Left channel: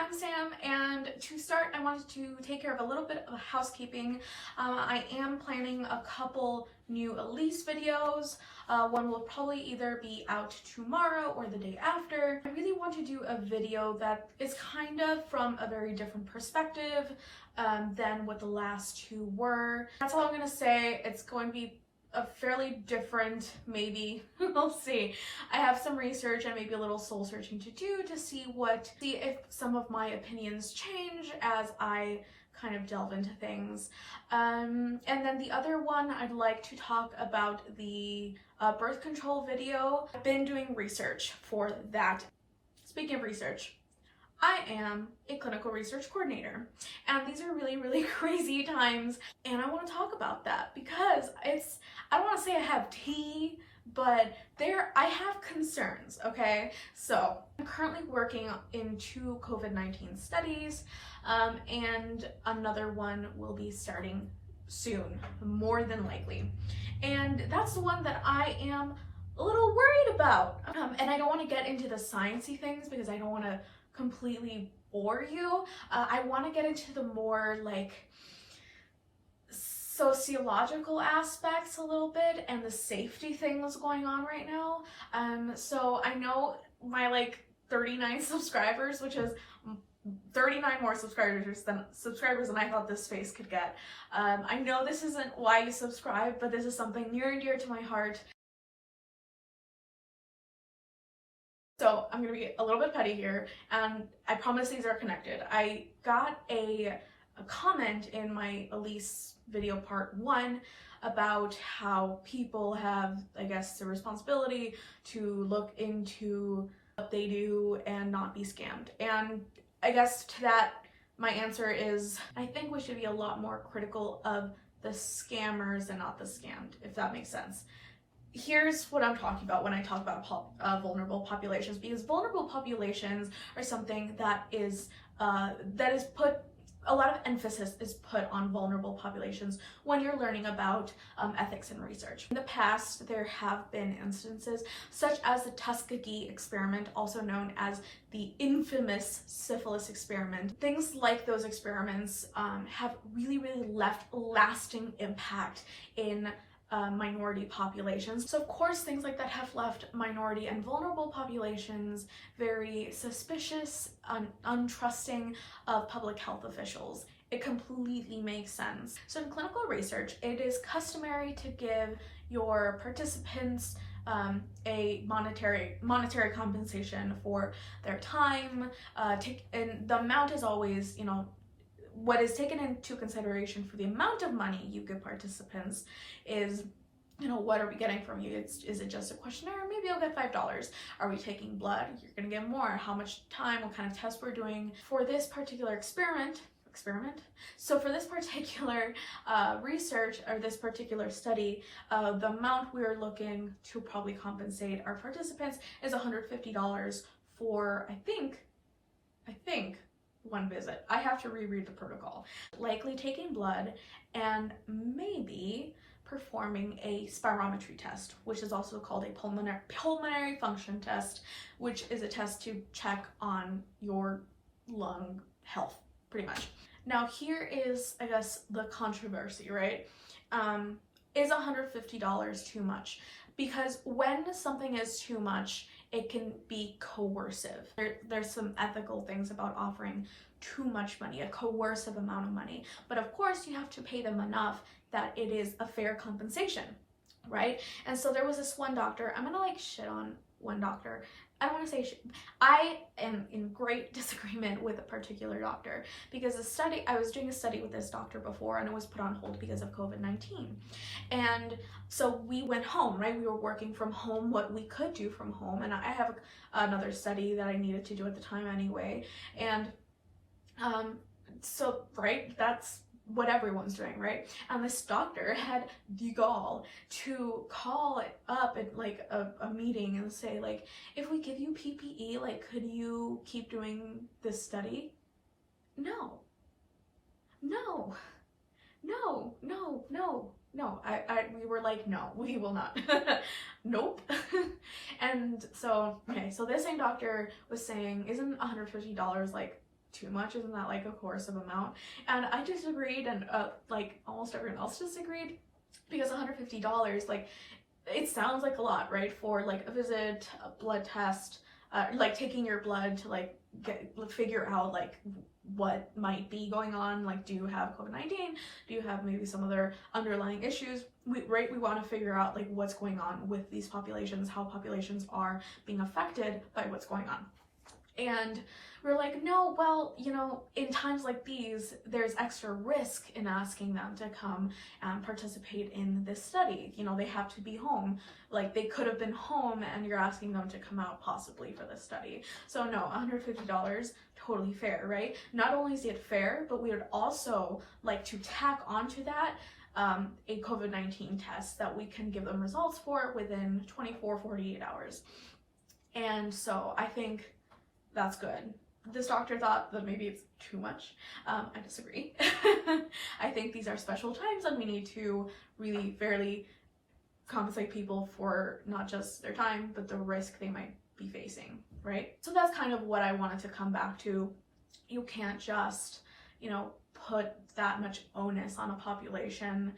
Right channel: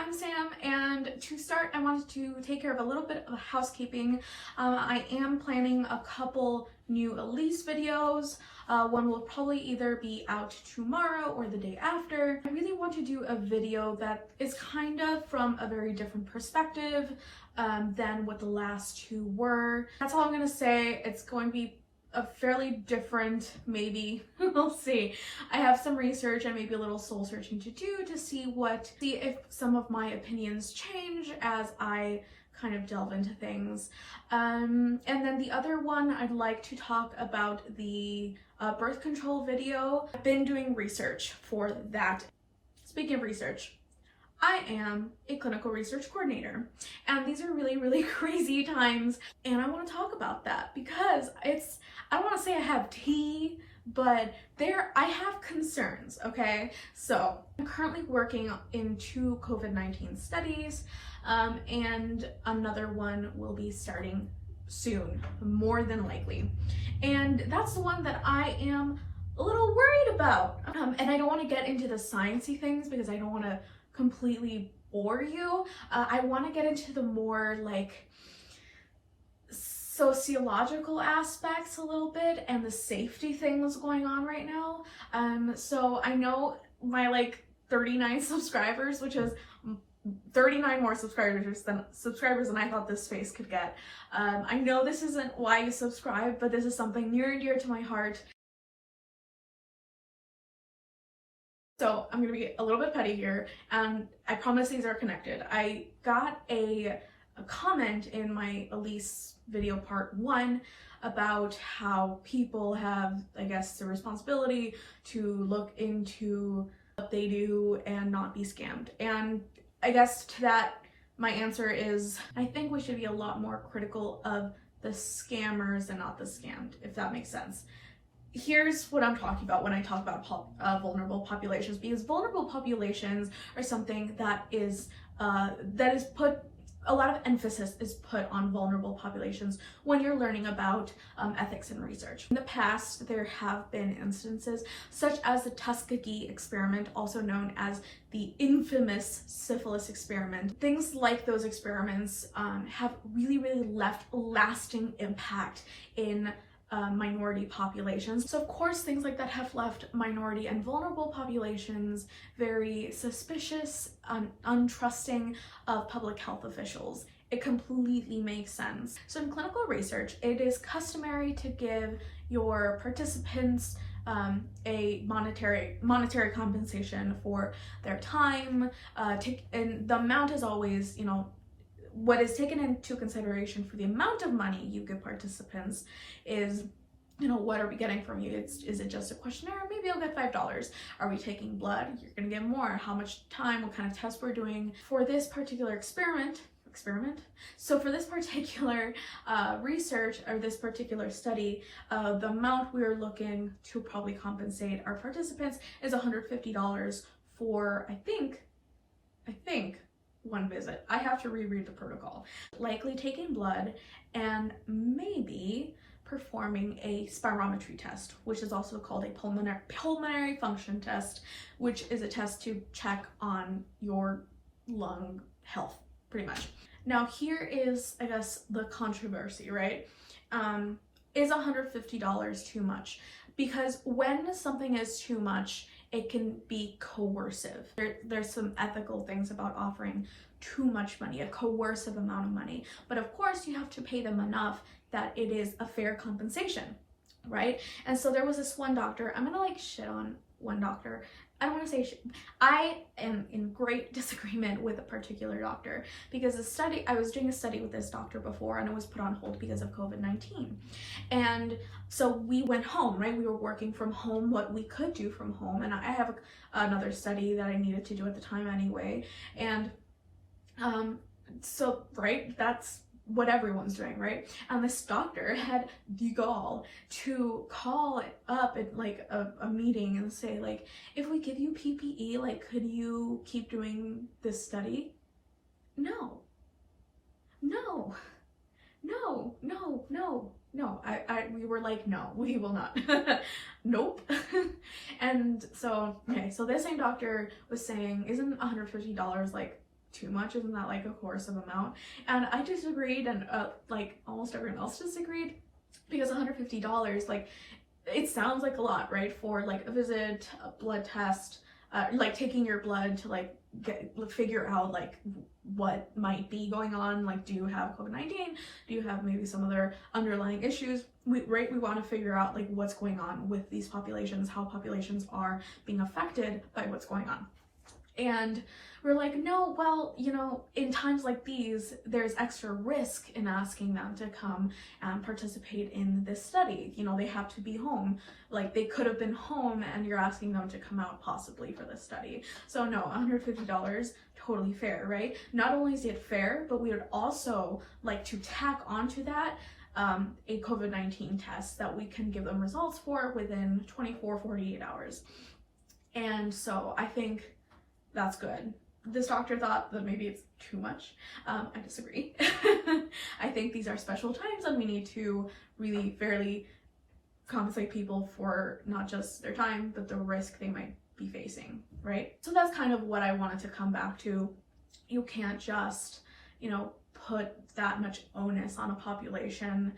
I'm Sam, and to start I wanted to take care of a little bit of housekeeping. I am planning a couple new Elise videos. One will probably either be out tomorrow or the day after. I really want to do a video that is kind of from a very different perspective than what the last two were. That's all I'm gonna say. It's going to be a fairly different, maybe, we'll see. I have some research and maybe a little soul searching to do to see if some of my opinions change as I kind of delve into things. And then the other one, I'd like to talk about the birth control video. I've been doing research for that. Speaking of research, I am a clinical research coordinator, and these are really, really crazy times, and I want to talk about that because I don't want to say I have tea, but I have concerns, okay? So I'm currently working in 2 COVID-19 studies, and another one will be starting soon, more than likely. And that's the one that I am a little worried about. And I don't want to get into the sciencey things because I don't want to completely bore you. I want to get into the more like sociological aspects a little bit and the safety things going on right now. So I know my like 39 subscribers, which is 39 more subscribers than I thought this face could get. I know this isn't why you subscribe, but this is something near and dear to my heart. So I'm gonna be a little bit petty here, and I promise these are connected. I got a comment in my Elise video part 1 about how people have, I guess, the responsibility to look into what they do and not be scammed. And I guess to that, my answer is I think we should be a lot more critical of the scammers and not the scammed, if that makes sense. Here's what I'm talking about when I talk about vulnerable populations, because vulnerable populations are something that is put, a lot of emphasis is put on vulnerable populations when you're learning about ethics and research. In the past, there have been instances such as the Tuskegee Experiment, also known as the infamous syphilis experiment. Things like those experiments have really, really left lasting impact in minority populations. So of course things like that have left minority and vulnerable populations very suspicious, untrusting of public health officials. It completely makes sense. So in clinical research, it is customary to give your participants a monetary compensation for their time, and the amount is always, you know, what is taken into consideration for the amount of money you give participants is, you know, what are we getting from you? Is it just a questionnaire? Maybe you'll get $5. Are we taking blood? You're gonna get more. How much time? What kind of tests we're doing? For this particular experiment? So for this particular research or this particular study, the amount we're looking to probably compensate our participants is $150 for, I think, one visit. I have to reread the protocol. Likely taking blood and maybe performing a spirometry test, which is also called a pulmonary function test, which is a test to check on your lung health, pretty much. Now here is, I guess, the controversy, right? Is $150 too much? Because when something is too much, it can be coercive. There's some ethical things about offering too much money, a coercive amount of money. But of course you have to pay them enough that it is a fair compensation, right? And so there was this one doctor, I'm gonna like shit on one doctor. I don't want to say I am in great disagreement with a particular doctor because I was doing a study with this doctor before and it was put on hold because of COVID-19. And so we went home, right? We were working from home, what we could do from home. And I have another study that I needed to do at the time anyway. And so, right, that's what everyone's doing, right? And this doctor had the gall to call up at like a meeting and say, like, if we give you PPE, like, could you keep doing this study? No. We were like, no, we will not. Nope. And so, okay, so this same doctor was saying, isn't $150 like too much? Isn't that like a coercive amount? And I disagreed, and like almost everyone else disagreed, because $150, like, it sounds like a lot, right? For like a visit, a blood test, like taking your blood to like figure out like what might be going on. Like, do you have COVID-19? Do you have maybe some other underlying issues? We want to figure out like what's going on with these populations, how populations are being affected by what's going on. And we're like, no, well, you know, in times like these, there's extra risk in asking them to come and participate in this study. You know, they have to be home. Like, they could have been home, and you're asking them to come out possibly for this study. So no, $150, totally fair, right? Not only is it fair, but we would also like to tack onto that a COVID-19 test that we can give them results for within 24, 48 hours. And so I think that's good. This doctor thought that maybe it's too much. I disagree. I think these are special times, and we need to really fairly compensate people for not just their time, but the risk they might be facing, right? So that's kind of what I wanted to come back to. You can't just, you know, put that much onus on a population.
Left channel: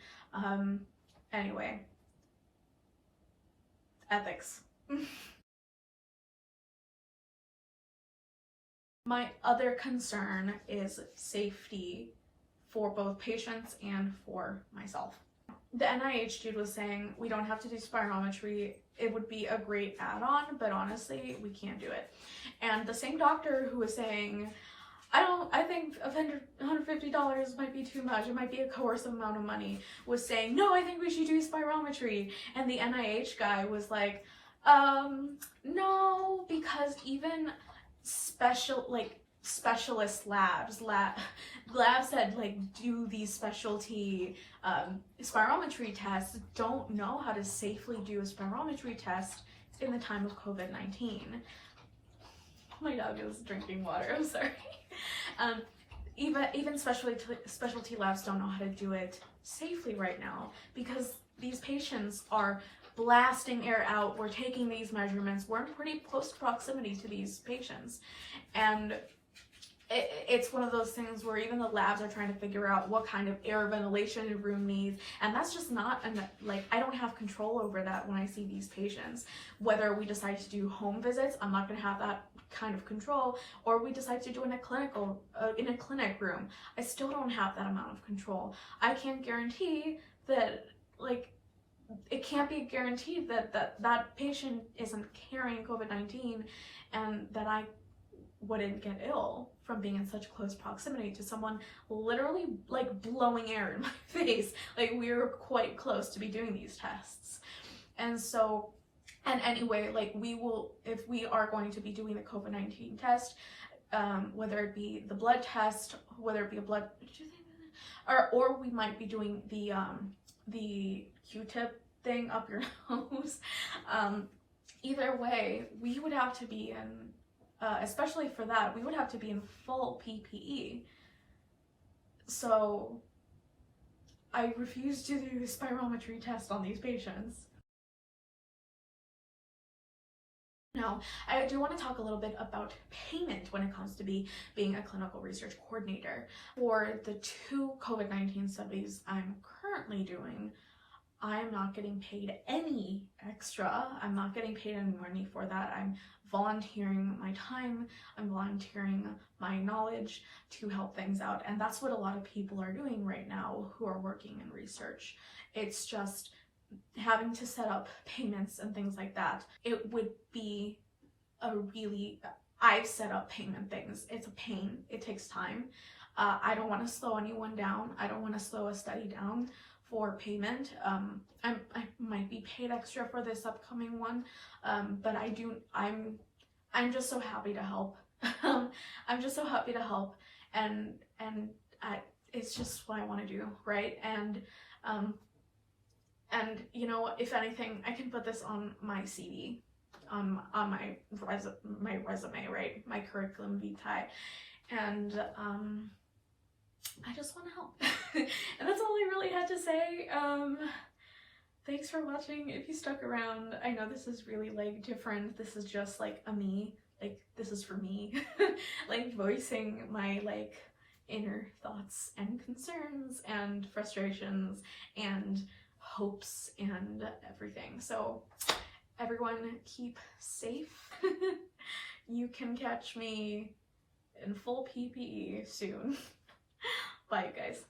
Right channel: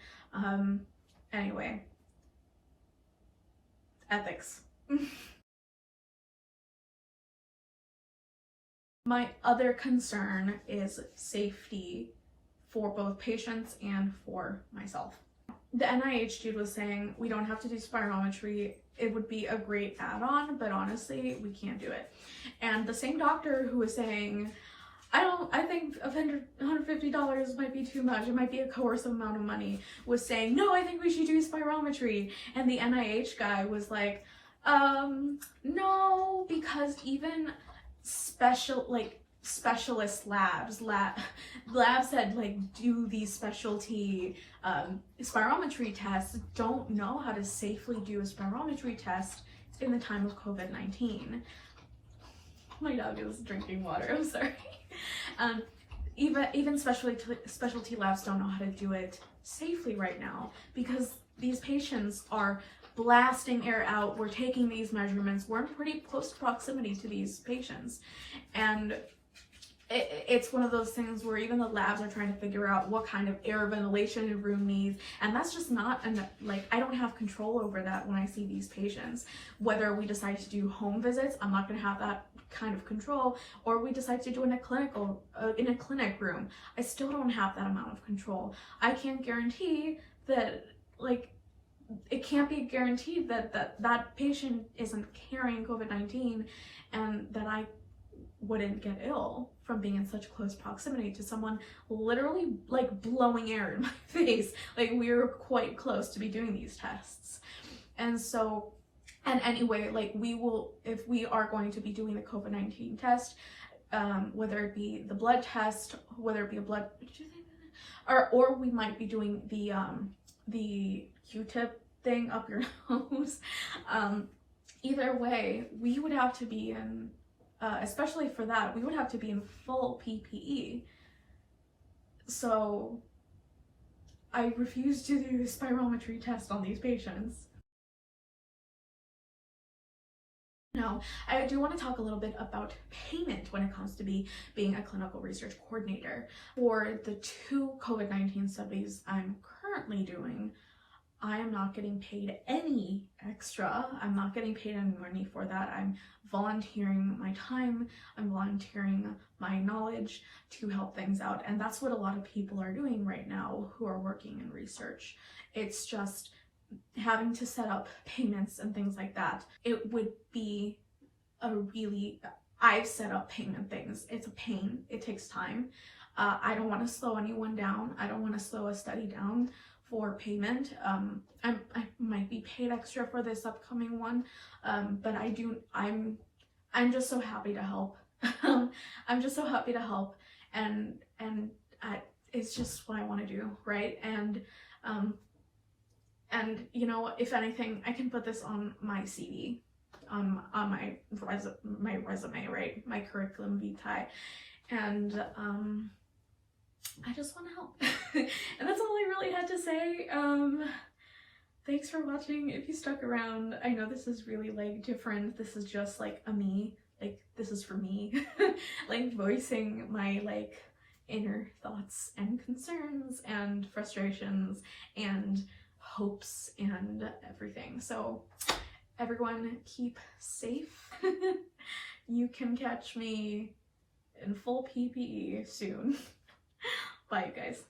Anyway, ethics. My other concern is safety for both patients and for myself. The NIH dude was saying we don't have to do spirometry. It would be a great add-on, but honestly, we can't do it. And the same doctor who was saying, I think $150 might be too much, it might be a coercive amount of money, was saying, no, I think we should do spirometry. And the NIH guy was like, no, because even specialist labs that like do these specialty spirometry tests don't know how to safely do a spirometry test in the time of COVID-19. My dog is drinking water, I'm sorry. Even specialty labs don't know how to do it safely right now, because these patients are blasting air out. We're taking these measurements. We're in pretty close proximity to these patients. And it's one of those things where even the labs are trying to figure out what kind of air ventilation a room needs. And that's just not enough. Like, I don't have control over that when I see these patients. Whether we decide to do home visits, I'm not going to have that kind of control, or we decide to do in a clinic room, I still don't have that amount of control. I can't guarantee that, like, it can't be guaranteed that patient isn't carrying COVID-19 and that I wouldn't get ill from being in such close proximity to someone literally like blowing air in my face. Like, we were quite close to be doing these tests. And so, and anyway, like, we will, if we are going to be doing the COVID-19 test, whether it be the blood test, whether it be a blood, or we might be doing the Q-tip thing up your nose. Either way, we would have to be in, especially for that, we would have to be in full PPE. So I refuse to do the spirometry test on these patients. Now, I do want to talk a little bit about payment when it comes to being a clinical research coordinator. For the 2 COVID-19 studies I'm currently doing, I am not getting paid any extra. I'm not getting paid any money for that. I'm volunteering my time, I'm volunteering my knowledge to help things out. And that's what a lot of people are doing right now who are working in research. It's just having to set up payments and things like that. It would be I've set up payment things. It's a pain, it takes time. I don't want to slow anyone down. I don't want to slow a study down for payment. I might be paid extra for this upcoming one, but I'm just so happy to help. I'm just so happy to help, and it's just what I want to do, right? And you know, if anything, I can put this on my CV, on my resume, right? My curriculum vitae, and I just want to help. And that's all I really had to say. Thanks for watching. If you stuck around, I know this is really like different. This is just like a me like, this is for me, like voicing my like inner thoughts and concerns and frustrations and hopes and everything. So everyone keep safe. You can catch me in full PPE soon. Bye, you guys.